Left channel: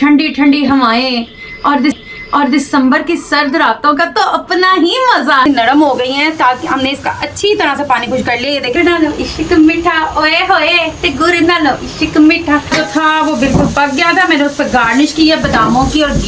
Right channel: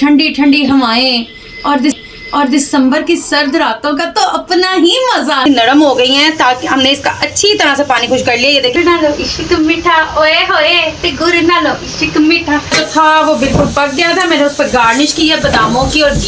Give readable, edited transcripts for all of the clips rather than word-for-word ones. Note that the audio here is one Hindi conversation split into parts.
ठंडी ठंडी हवाएं और दिसंबर की सर्द रातों का तो अपना ही मजा। नरम हो गई हैं ताकि हमने इसका अच्छी तरह से पानी खुश कर लिया। ये देखिए, ना लो इश्क मीठा ओए होए ते गुड़ ना लो इश्क मीठा जो था वो बिल्कुल पक गया था। मैंने उस पर गार्निश की है बादामों की और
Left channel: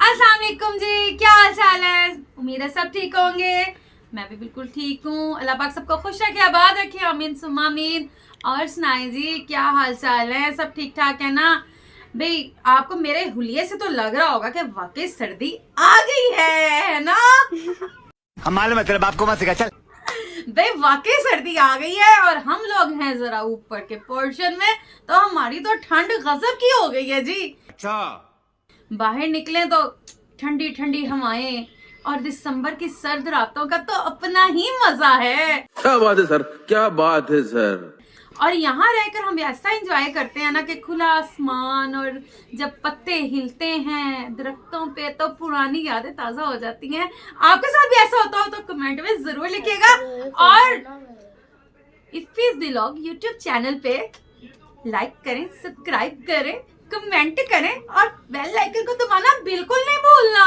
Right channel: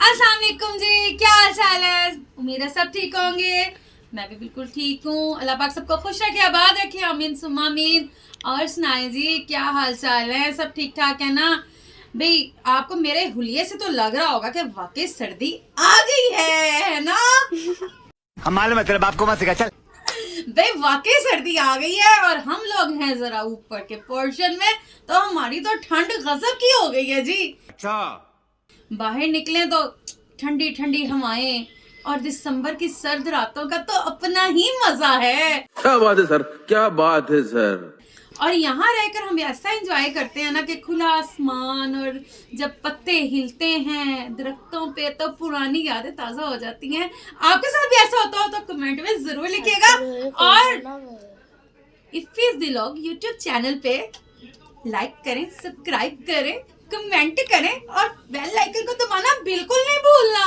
अस्सलामुअलैकुम जी, क्या हाल चाल है? उम्मीद है सब ठीक होंगे। मैं भी बिल्कुल ठीक हूँ। अल्लाह पाक सबको खुश रखे, आबाद रखे, आमीन सुम्मा आमीन। और सुनाए जी, क्या हाल चाल है? सब ठीक ठाक है ना भाई? आपको मेरे हुलिये से तो लग रहा होगा कि वाकई सर्दी आ गई है ना? हम मालूम है, तेरे बाप को मत सिखा, चल। भाई वाकई सर्दी आ गई है और हम लोग हैं जरा ऊपर के पोर्शन में, तो हमारी तो ठंड गजब की हो गई है जी। अच्छा, बाहर निकले तो ठंडी ठंडी हवाएं और दिसंबर की सर्द रातों का तो अपना ही मजा है। क्या बात है सर, क्या बात है सर। और यहाँ रहकर हम ऐसा एंजॉय करते हैं ना कि खुला आसमान और जब पत्ते हिलते हैं दरख्तों पे तो पुरानी यादें ताजा हो जाती हैं। आपके साथ भी ऐसा होता हो तो कमेंट में जरूर लिखिएगा। और इफ्फीज व्लॉग यूट्यूब चैनल पे लाइक करें, सब्सक्राइब करें, कमेंट करें और बेल आइकन को दबाना बिल्कुल नहीं भूलना।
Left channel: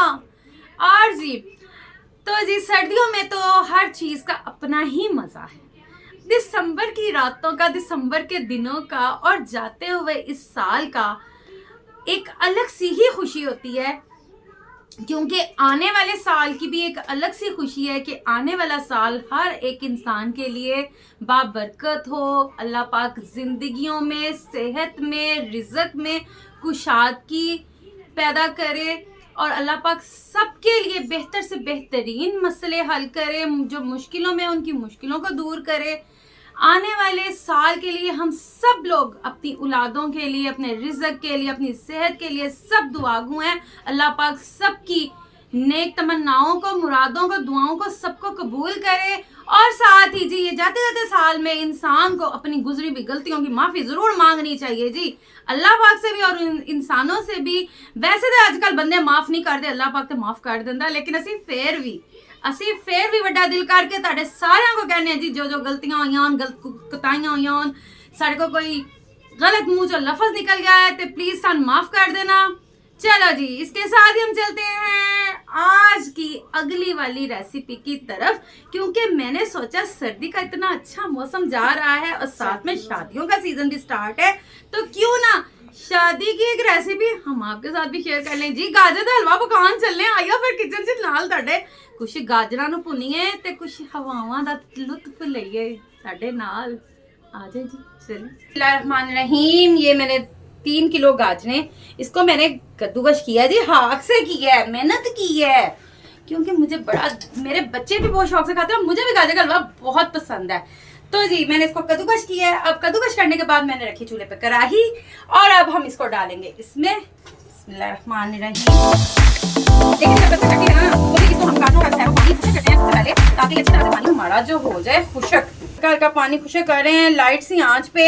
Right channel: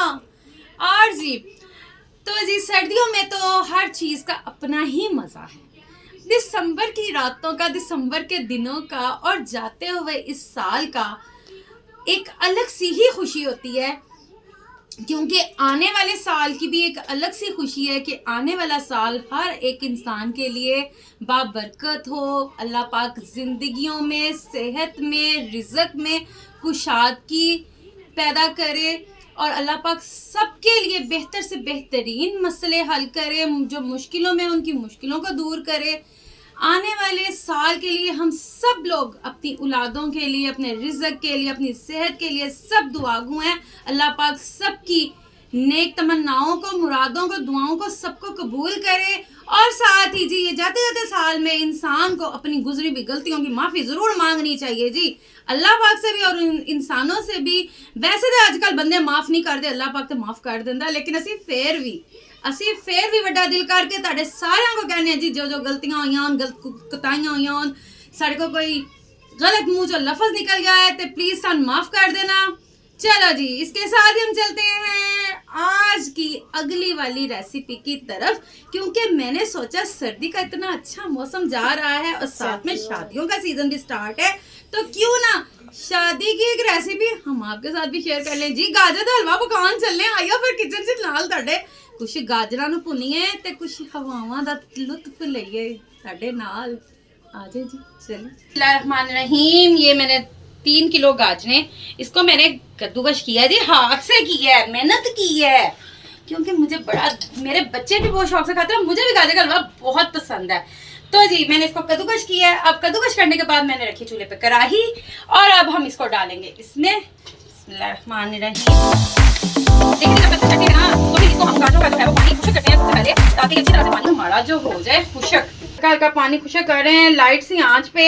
और जी तो जी सर्दियों में तो हर चीज का अपना ही मजा है। दिसंबर की रातों का, दिसंबर के दिनों का और जाते हुए इस साल का एक अलग सी ही खुशी होती है, क्योंकि आने वाले साल की भी एक अलग सी खुशी है कि आने वाला साल हर एक इंसान के लिए बाबरकत हो। अल्लाह पाक जिंदगियों में, सेहत में, रिज़्क में कुशादगी पैदा करे और अल्लाह पाक सबके लिए बेहतर से बेहतरीन मसले हल करे, जो मुश्किलों में उनकी मुश्किलों को दूर करे। आने वाले साल के लिए हम सब लोग अपनी औलादों के लिए, अपने रिज़्क के लिए, अपनी सेहत के लिए सब दुआगू हैं। अल्लाह पाक सबकी नेक तमन्नाओं को, मुरादों को, दुआओं को सबको कबूल करे। और साथ ही जी ये जाते जाते साल में इंसान को अपनी गुजरी हुई गलतियों की माफ़ी ज़रूर मांगनी चाहिए जी, अल्लाह पाक से भी और इंसानों से भी। वैसे तो आजकल बंदे माफ़ नहीं करते, अल्लाह पाक तो माफ़ कर देंदा, लेकिन ਅਸੀਂ ਫੇਰ ਵੀ ਵੱਡਾ ਦਿਲ ਕਰਕੇ ਤੁਹਾਡੇ ਸਾਰਿਆਂ को कहने जी जो जो गलतियां हुई हैं, गलत कुताइयां हुई हैं, साढ़े को कोई गलत मुंह जो लफ्ज निकल गया है तो प्लीज सन माफ कर देना। चलो जी, इसके साथ ही हम चलते हैं आज की अगली वाली रेसिपी की तरफ, क्योंकि मैंने सोचा सर्दी का इतना अच्छा मौसम जा रहा है और साथ में शादियों का सीजन भी स्टार्ट है, तो क्यों ना शादी की एक रेसिपी हम आपके साथ भी शेयर कर लें जी। गाजर का हलवा पकान चलने आइयो फिर किचन च नाल ਤੁਹਾਡੇ कुछ गाजरां नूं भुन्नीए ते कुछ हवावां दा लुत्फ लईए ਤੁਹਾਡੇ नाल। आ जाए जी, चलिए। बिस्मिल्लाहिर्रहमानिर्रहीम। ये मैंने 3 किलो गाजरें, इसको मैंने कद्दूकश किया जी, हाथ से किया है, मेहनत की है, क्योंकि मुझे बड़ा, मेरे बच्चे भी बहुत शौक से खाते हैं, मुझे भी गाजर का हलवा बहुत पसंद है। तो जी मैंने इसको कद्दूकश किया है। अब कद्दूकश करने के बाद मैंने रखी चूल्हे पे कढ़ाई और अब हम इसको डालेंगे इसमें। बिस्मिल्लाहिर्रहमानिर्रहीम। ताकि अच्छी तरह से पानी हमारा जो हो जाए खुशक, हल्का पानी खुशक कर रहे हैं लाइट सी आंच पे।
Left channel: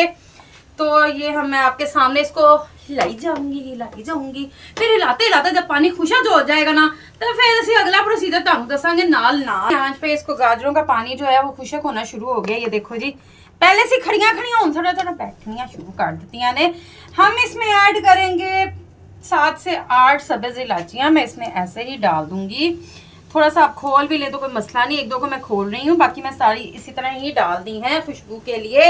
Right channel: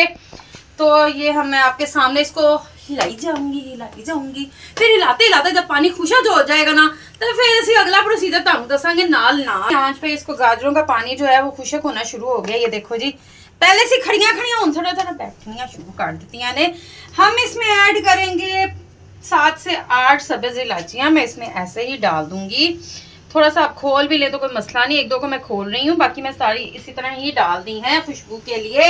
तो ये हम मैं आपके सामने इसको हिलाई जाऊंगी, फिर हिलाते हिलाते जब पानी खुशक जो हो जाएगा ना तो फिर ਅਸੀਂ अगला प्रोसीजर ਤੁਹਾਨੂੰ ਦੱਸਾਂਗੇ ਨਾਲ ਨਾਲ। आंच पे इसको गाजरों का पानी जो है वो खुशक होना शुरू हो गया। ये देखो जी, पहले से खड़ियां हुन थोड़ा थोड़ा बैठनियां शुरू कर दित्तियां ने। हम इसमें ऐड करेंगे 7 से 8 सब्ज़ इलायचियाँ, मैं इसमें ऐसे ही डाल दूंगी। थोड़ा सा आप खोल भी ले तो कोई मसला नहीं, एक दो को मैं खोल रही हूँ, बाकी मैं सारी इसी तरह ही डाल दी हैं खुशबू के लिए।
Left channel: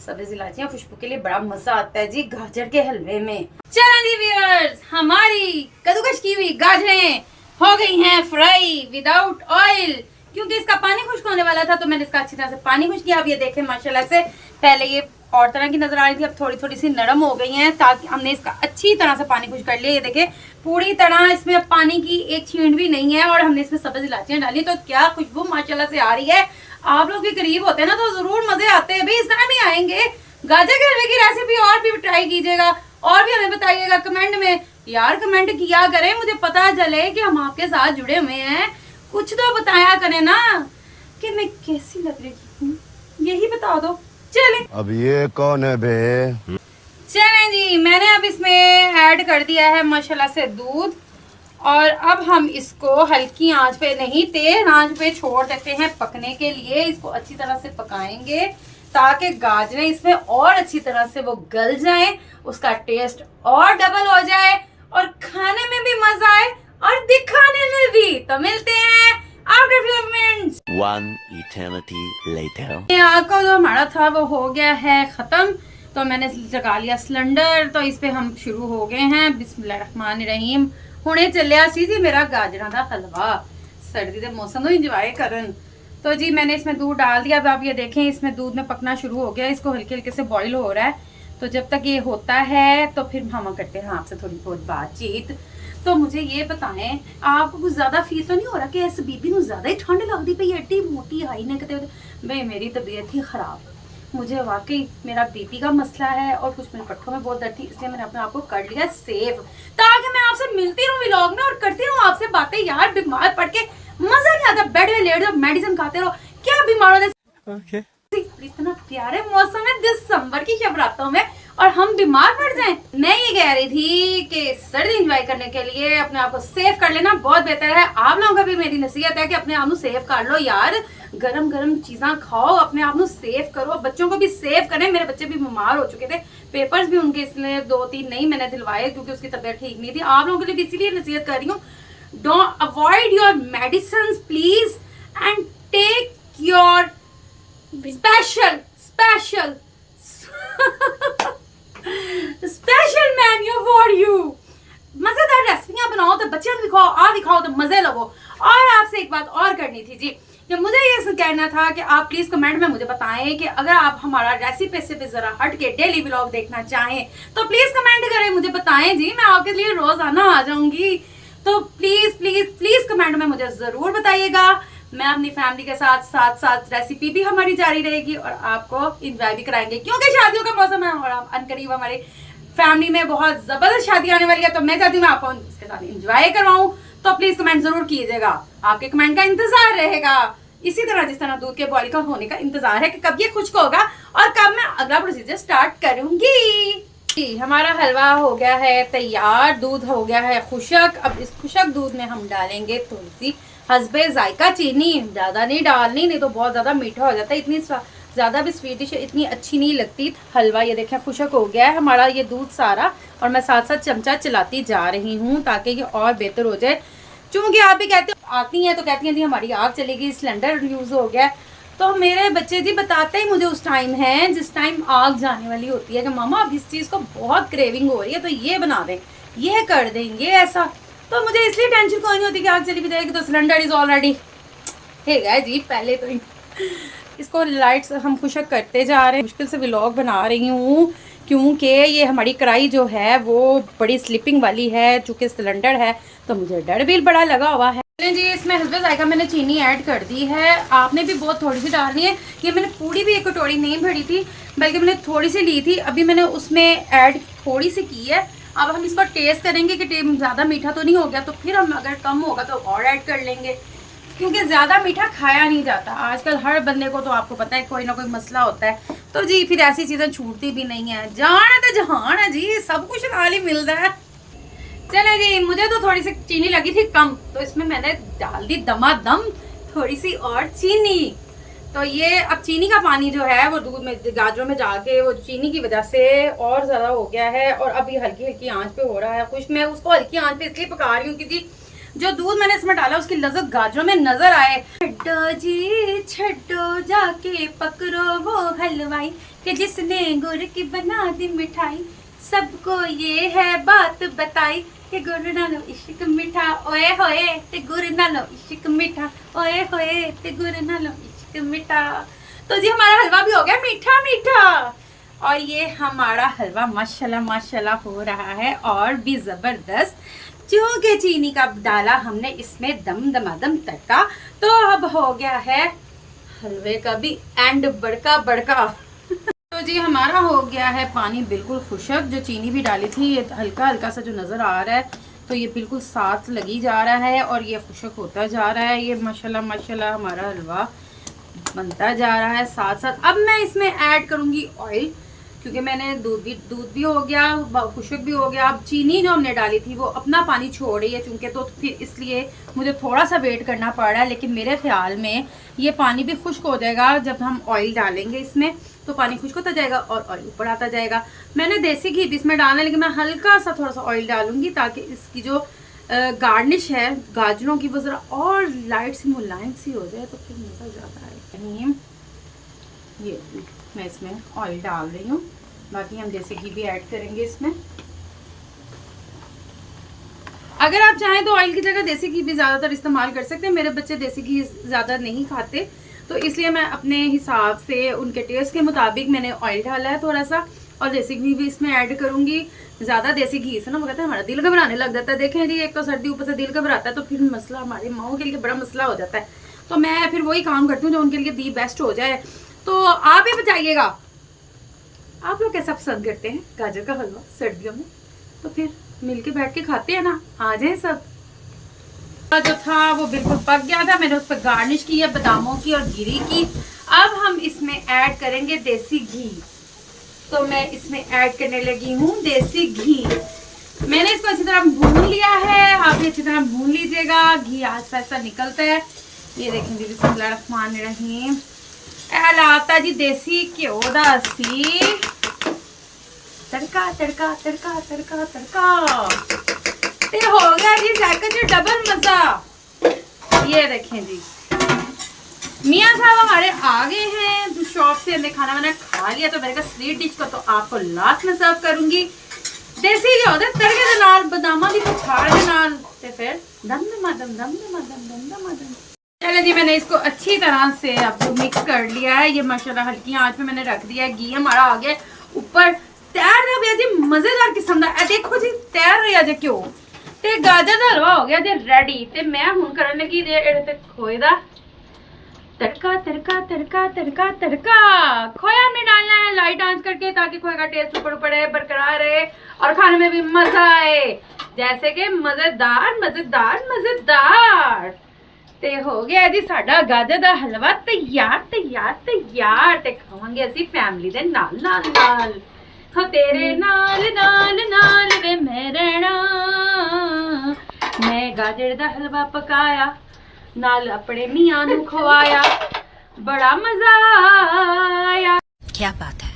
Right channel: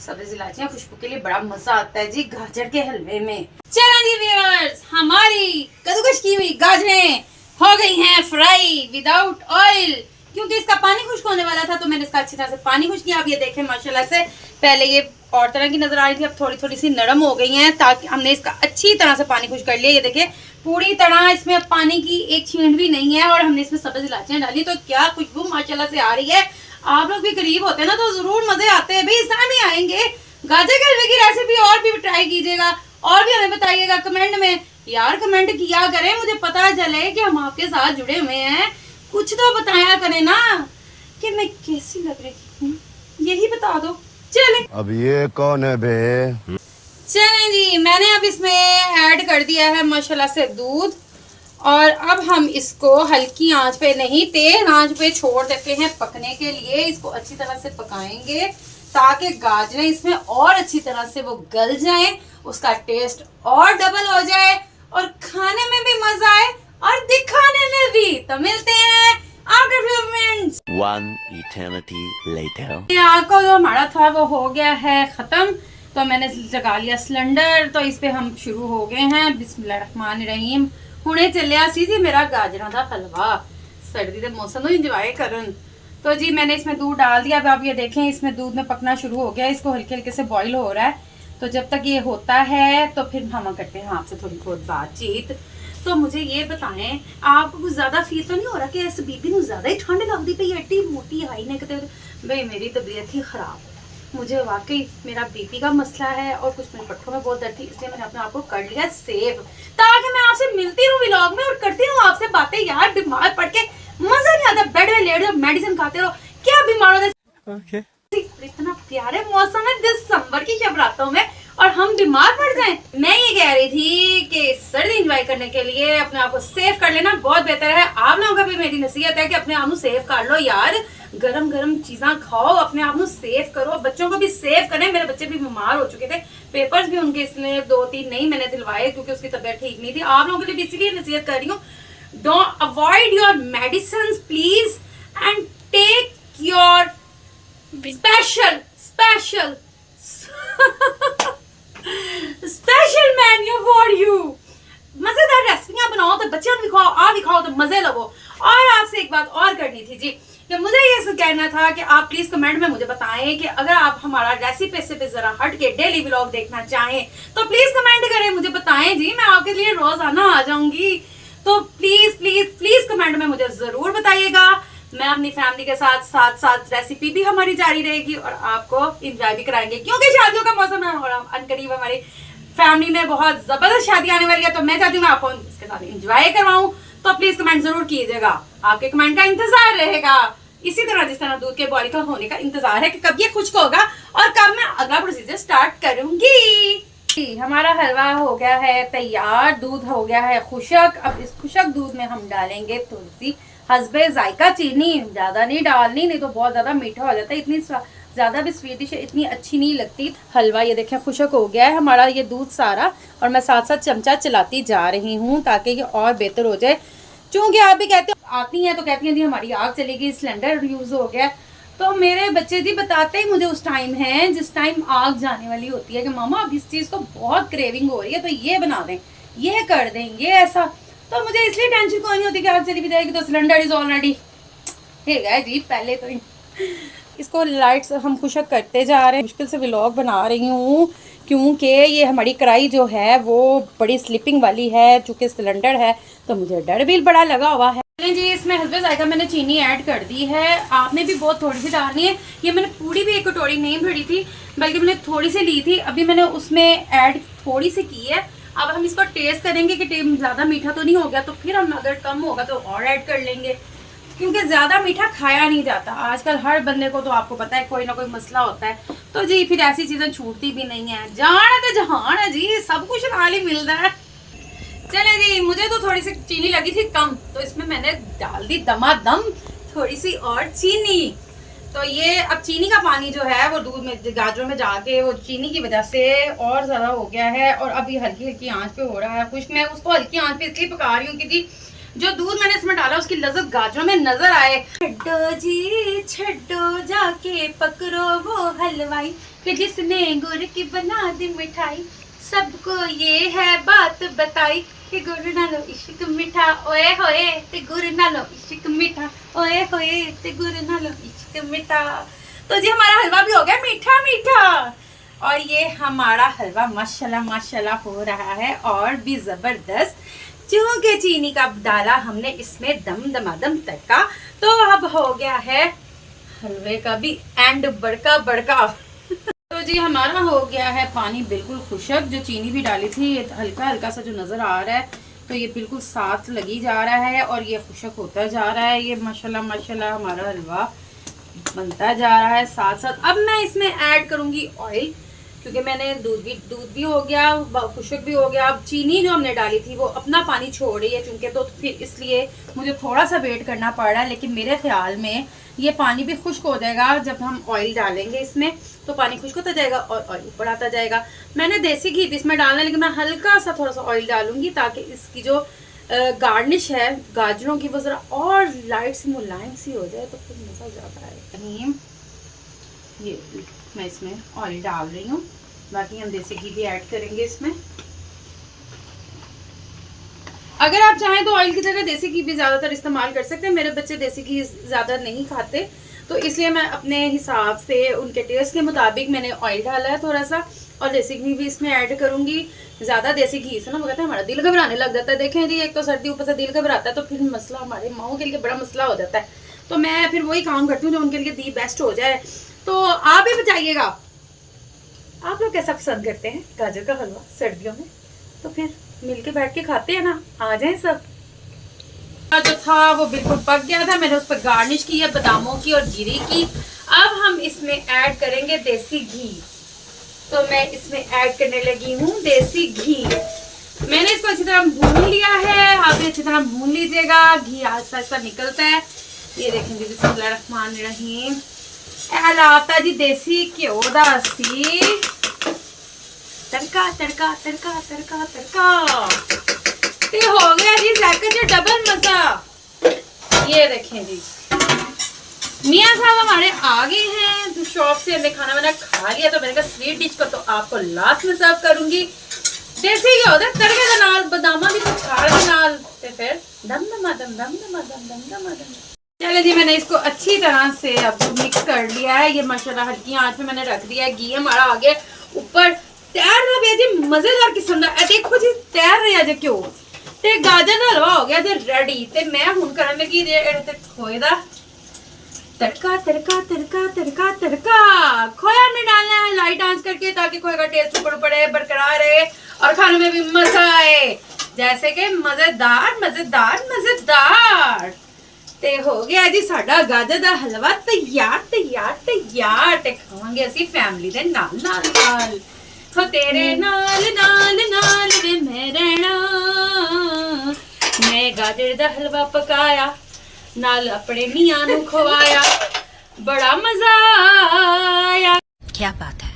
सब्ज़ इलायचियाँ खुशबू के लिए बड़ा मजा आता है जी गाजर के हलवे में। चलो जी व्यूअर्स, हमारी कद्दूकश की हुई गाजरें हो गई हैं फ्राई विदाउट ऑयल, क्योंकि इसका पानी खुश्क होने वाला था तो मैंने इसका अच्छी तरह से पानी खुश्क किया। अब ये देखें माशाल्लाह से, पहले ये और तरह की नजर आ रही थी, अब थोड़ी थोड़ी सी नरम हो गई हैं, ताकि हमने इसका अच्छी तरह से पानी खुश्क कर लिया। ये देखें पूरी तरह इसमें पानी की एक छींट भी नहीं है और हमने इसमें सब्ज़ इलायचियाँ डाली, तो क्या खुशबू माशाल्लाह से आ रही है। आप लोग भी करीब होते हैं ना तो जरूर मजे आते हैं भाई, इस तरह भी आएंगे। गाजर के हलवे की रेसिपी और भी ट्राई कीजिएगा और भी हमें बताइएगा कमेंट में। यार कमेंट किया करें, मुझे पता चले कि हम आपके साथ जुड़े हुए हैं। कुछ तो बताया करें ना कि मैं कैसी लग रही हूँ, यही बता दो। चलें अब ये कौन है बे? चलें जी, मैंने अब इसमें ऐड कर दिया है माशाल्लाह से दूध, और अब हम इसको हल्की आंच पे नहीं तेज आंच पे छोड़ देते हैं पकने के लिए। इसको अच्छी तरह से पकाएंगे ताकि गाजरें इसमें और अच्छी तरह से वो गल जाएं, उसका टेस्ट और डबल हो जाए और खाने में भी मजा आए और दिखाने में भी। तो मिलते हैं after few minutes. One eternity later. आग को जो हमारा था वो हो गया है खत्म, तो मैंने लगा लिया सिलेंडर। तो इस पे हम शुरू हो गए हैं। बिस्मिल्लाहिर्रहमानिर्रहीम। हुणे चलिया सी जी मेरा गाजरा का हलवा सर्दी के मौसम को इंजॉय करन। तो जी मैंने इसमें दूध डाल दिया। अब आप ये देखें इसमें दूध में पकना शुरू हो गया, इसको हल्के हल्के से बॉईल हो रहा है। तो जब तक ये होता है तो फिर हम करते हैं आपसे थोड़ी बहुत बातचीत। तो मुझे ये बताएं, आपको कुछ ज्यादा फील तो नहीं हो रहा कि इस बीबी नूं ज्यादा ही ठंड लगती पई, एड्डी मोटी आई ने किते। भाई मेरी तबीयत ही खराब, मुझे वाकई मेरा बीपी का मसला है और कुछ मेरे पट्टों में बहुत दर्द थी, इसलिए मैंने अपने आप को कर लिया सेव ताकि मैं आपसे मिलती रहूं व्लॉग में और करती रहूं आपसे बातें। यार बीमार पड़ के मजा नहीं आता, बेड में लेट जाओ मेडिसिन खाते रहो, क्या बीमार हो इतना प्यारे मौसम है दिसंबर की शब रातों में और हम बीमार पड़ जाएं। मैं ये कह रही थी कि सर्दी एंजॉय करने के लिए अपने आप को सेव कर लेना बहुत बेहतर है। आप लोगों का भी मेरी नसीहत है कि अपने आप को सेव कर लो यार, गरम गरम चीज़ा खाओ, अपने आप को सेव करो, बच्चों को भी सेव करें। मेरे बच्चे भी बीमार हो चुके थे, पेपर्स भी उनके इसलिए 2-3 नहीं मैंने दिलवाए क्योंकि उसकी तबीयत ठीक नहीं थी। आप लोगों के लिए भी इसीलिए नसीहत कर रही हूँ, don't avoid your medicine please and take your special menu for you. मजेदार रेसिपियां बनाओ तो बच्चों को दिखाओ, आप दिखाओ तो मजे लो। और आपसे एक बात और करनी थी जी, कि मुझे ये कहना था कि आप प्लीज कमेंट में मुझे बताएं कि अगर आप हमारा रेसिपी से भी जरा हट के डेली व्लॉग देखना चाहें तो प्लीज कमेंट करें, मुझे बताएं जी, मैं आपके लिए रोजाना आ जाऊंगी। तो प्लीज प्लीज प्लीज कमेंट में मुझे जरूर बताइएगा। मैं अपनी फैमिली के साथ साथ साथ रेसिपी भी हमारी जारी रहेगी और आपको इंजॉय भी कराएंगे क्योंकि शादियों का मौसम है और अनकरीब हमारी फैमिली में बहुत जबरदस्त शादी आने वाली है। तो मैं चाहती हूँ आपको इसके साथ इंजॉय करवाऊं, तो प्लीज कमेंट जरूर कीजिएगा, आपके कमेंट का इंतजार रहेगा। इसी तरह जिस तरह दूध के बॉईल का होने का इंतजार है कि कब ये खुश्क होगा और कब मैं अगला प्रोसीजर स्टार्ट करूंगी। हमारा हलवा हो गया है तैयार, दूध हो गया है खुशक। अब इस खुशक दूध में हम डालेंगे थोड़ी सी हस्बे जायका चीनी, ज्यादा नहीं डालनी, नहीं तो बहुत ज्यादा मीठा हो जाता है। इतनी ज्यादा भी स्वीट डिश इतनी अच्छी नहीं लगती। हलवा ये देखें खुशक हो गया है हमारा ये दूध सारा, और मैं साथ साथ चमचा चलाती जा रही हूँ ताकि ये और बेहतर हो जाए। चूंकि आप भी कहते हो आती हैं तो कहती हैं जी हमारी आग चलेगी, सिलेंडर यूज हो गया। तो मेरे बच्चे जी बताते ही मुझे उस टाइम है जिस टाइम आग जाने वाली होती है कि मामा अब इस चीज को बहुत क्रेविंग हो रही है तो ये बना दें, ये कर देंगे ऐसा। तो मुझे इसलिए टेंशन कोई नहीं होती कि आग चली भी जाएगी तो सिलेंडर इज ऑलरेडी है जी। पहले तो इसको लाइट्स हम खुशक करते जा रहे हैं, मुश्किल से व्लॉग बना रही हूँ क्योंकि ये हमारी कढ़ाई जो है वो बड़ी स्लिपिंग वाली है, चूँकि सिलेंडर है तो मुझे डर भी बड़ा लगा हुआ है। जी इसमें हस्बे जायका मैंने चीनी ऐड कर दी है, आपने भी बहुत थोड़ी सी डालनी है। ये मैंने पूरी भी एक कटोरी नहीं भरी थी बल्कि मैंने थोड़ी सी ली थी, अभी मैंने उसमें ऐड थोड़ी सी की है। अब हम इसको टेस्ट करेंगे कि ज़्यादा मीठा तो नहीं हो गया, तो फिर हम अगर कम होगा तो और ऐड कर लेंगे क्योंकि ज़्यादा मीठा खाया नहीं जाता। आजकल हर बंदे को तो आपको पता है कोई ना कोई मसला होता है, तो जी फिर ऐसी चीज़ें छूटती भी नहीं है। जान है तो जहान है जी, सब कुछ नाल ही मिलता है। चले जी, मुझे तो थोड़ी सी चीनी लगी थी कम, तो इसमें मैंने डाल दी दमादम थोड़ी सी और चीनी। तो ये अब चीनी का पानी जो है वो दूध में गाजरों में जाके वो चीनी की वजह से और ज़्यादा हो गया है और अब ये हल्की हल्की आंच पे हो रहा है खुश्क। मैं उसको हल्की आंच पे इसलिए पका रही हूँ कि जी जो दूध मैंने इसमें डाला उसकी लज़्ज़त गाजरों में नजर आए। छड्डो जी छड्डो जाके पकड़ो वो हलवाई कि जिसने गुड़ की बना दी मिठाई, सबको ये है बात बताई कि गुड़ नालो इश्क मीठा, ओए होए ते गुड़ नालो इश्क मीठा, ओए होए ते गुड़ नालो इश्क मीठा। तो जी हमारा हलवा भी हो गया मीठा मीठा और ये हमारा हलवा माशाल्लाह माशाल्लाह हो रहा है और भी जबरदस्त। चूंकि चीनी का डाला हमने इसमें दम दमादम तड़का, तो अब हो गया है हलवे का भी एंड बड़का बड़का। तो जी हमारा हो गया है पानी बिल्कुल खुशक, जो चीनी भी डाली थी ये हल्का हल्का सा जो नज़र आ रहा है तो ये बिल्कुल साथ लगी जा रहा है और ये खुशक होता जा रहा है। ये माशाल्लाह माशाल्लाह हमारा हलवा बनता जा रहा है साथ साथ। अब मैं इसमें ऐड करूंगी ऑयल, क्योंकि मैंने दूध भी हो गया, खुशक भी हो गया। अब चीनी जो हमने डाली थी वो अपना पानी छोड़ रही है चूंकि, तो फिर इसलिए मुझे थोड़ा सा वेट करना पड़ रहा है। लेकिन मेरे ख्याल में ये पानी भी खुश्क हो जाएगा जब हम ऑयल डालेंगे इसमें, तो पानी खुश्क होता जाएगा और ऑयल ऊपर आता जाएगा। मैंने देसी घी भी इसमें डालना है, लेकिन मैं हल्का सा थोड़ा सा ऑयल डालूंगी ताकि इसकी जो गार्निश है गाजरों की वो ज़रा और लाइट सी मुलायम सी हो जाए, तो फिर मज़ा ज़्यादा आएगा। ये मैं इसमें ऑयल डाल रही हूँ, बाकी हम देसी घी भी ऐड करेंगे इसमें। अगर आप चाहें तो ऑयल की जगह देसी घी भी ज़्यादातर इस्तेमाल कर सकते हैं। मेरे बच्चे देसी घी ज़्यादा नहीं खाते, तो इसलिए मैं अपने हिसाब से उनके टेस्ट के मुताबिक मैंने ऑयल डाला है थोड़ा सा, और देसी घी भी इसमें ऐड करूंगी। ज़्यादा देसी घी से ना वो कहते हैं हमारा दिल घबराने लग जाता है। देखें जी, एक तो सर्दी ऊपर से दिल घबराता है, तो फिर मसला हमारे माओ के लिए बड़ा मसला हो जाता है। तो मैं फिर वही काम करती हूँ जो उनके लिए दी बेस्ट हो जाए। तो आप भी बताइएगा, आप लोग कैसा पसंद करते हैं गाजर का हलवा सर्दियों में? तो फिर मिलके बैठ के खाते हैं ना, आ जाएं सब। जो था वो बिल्कुल पक गया था, मैंने उस पर गार्निश की है बादामों की और जीरे की। अब हम इसमें ऐड करेंगे देसी घी, तो मैं इसमें ऐड करने लगी हूँ देसी घी। मैंने इसको अच्छी तरह भून लिया है, आप भी अच्छी तरह भून लीजिएगा। घी आहिस्ता आहिस्ता निकलता है, ये देखेंगे। बिस्मिल्लाहिर्रहमानिर्रहीम। लाता जी देसी घ्यो दा सी तड़का तड़का तड़का तड़का तड़का, ते हो गया जी जायका जी डबल मजा। ये देखें जी, मियाँ साहब हमारे आ गए हैं जो शॉप से, हमने खाना वाना खा लिया, तो मैंने कहा स्वीट डिश को तो आपको लास्ट में सर्व करूंगी। देसी घ्यो दे तड़के दे नाल बादामा भी छाड़ दे नाल, ते फिर दम दम दम दम दम दम दम दम। चलो जी, मैंने इसको अच्छी तरह से अब मिक्स कर लिया है। ये माशाल्लाह हल्की आंच पे मैंने रख दिया है। घी हमारा आगे ऊपर तैयार रहा भैया जी, मजेदार किस्म का। देखो जी तैयार रहा जे क्यों, ते गाजर का हलवा हो गया जे रेडी। ते मैं हुण करन लगी ते खोए दा तड़का तड़का तड़का तड़का तड़का। खोया हमने डालना है लाइट आंच करके, ताकि खोए का टेस्ट ऊपर ऊपर बरकरार रहे और खाने में भी मजा आए। जैसे कि मजेदार मजेदार मजेदार। ते हो गया जी साडा गाजर दा हलवा तैयार तैयार तैयार। ते खावांगे असी फैमिली दे नाल नाल नाल। हो तेरे नाल नाल नाल वे मैं रहना। मैं गाजर दा हलवा पकाया, नाल अपने मियां नू खवाया, बड़ा मजा आया। क्या बात है।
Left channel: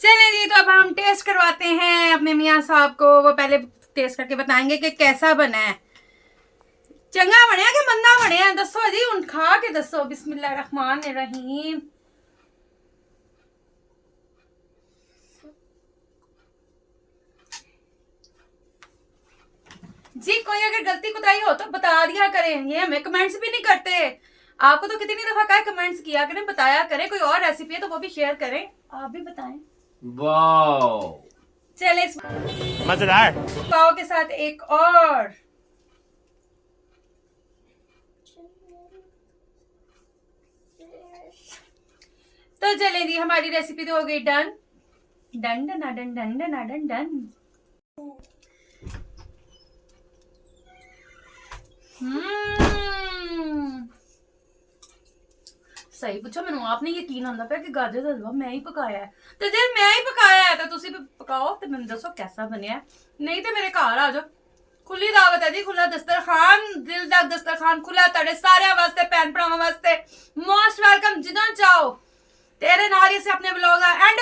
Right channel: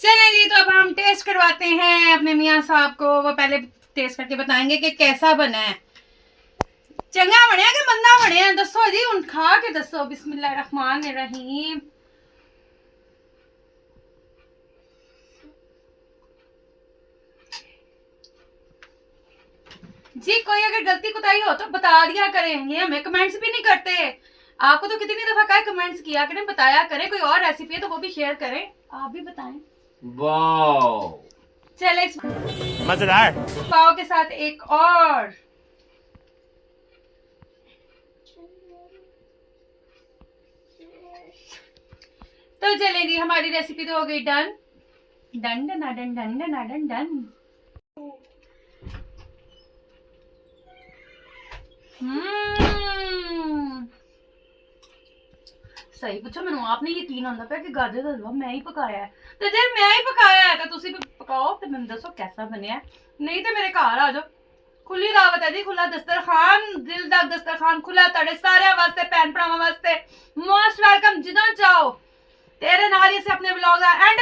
चलें जी, तो अब हम टेस्ट करवाते हैं अपने मियां साहब को। वो पहले टेस्ट करके बताएंगे कि कैसा बना है। चंगा बनया कि मंदा बनया, दसो जी, हुण खा के दसो। बिस्मिल्लाहिर्रहमानिर्रहीम। जी कोई अगर गलती कोताही हो तो बता दिया करें, ये हमें कमेंट्स भी नहीं करते। आपको तो कितनी दफा कहा कमेंट्स किया करें, बताया करें। कोई और रेसिपी है तो वो भी शेयर करें, आप भी बताएं। वाओ, चले मजेदार। पाव के साथ एक और। तो चले जी, हमारी रेसिपी तो हो गई done done done done done done done done. सही पूछा मैनू, आप नहीं यकीन आंदा पिया कि गाजर दा हलवा मैं ही पकाया है। तो जे मैं ही पकाया है तो तुसी भी पकाओ ते मैनू दसो कैसा बनया। नहीं तो मेरे घर आ जाओ, खुली दावत है जी, खुला दस्तरखान, दिल दा दस्तरखान खुला तुहाडे सारे वास्ते, भैन भरावां वास्ते। मोस्ट वेलकम, जिदों चाहो। तेरे नाल ही से अपने ब्लॉग दा एंड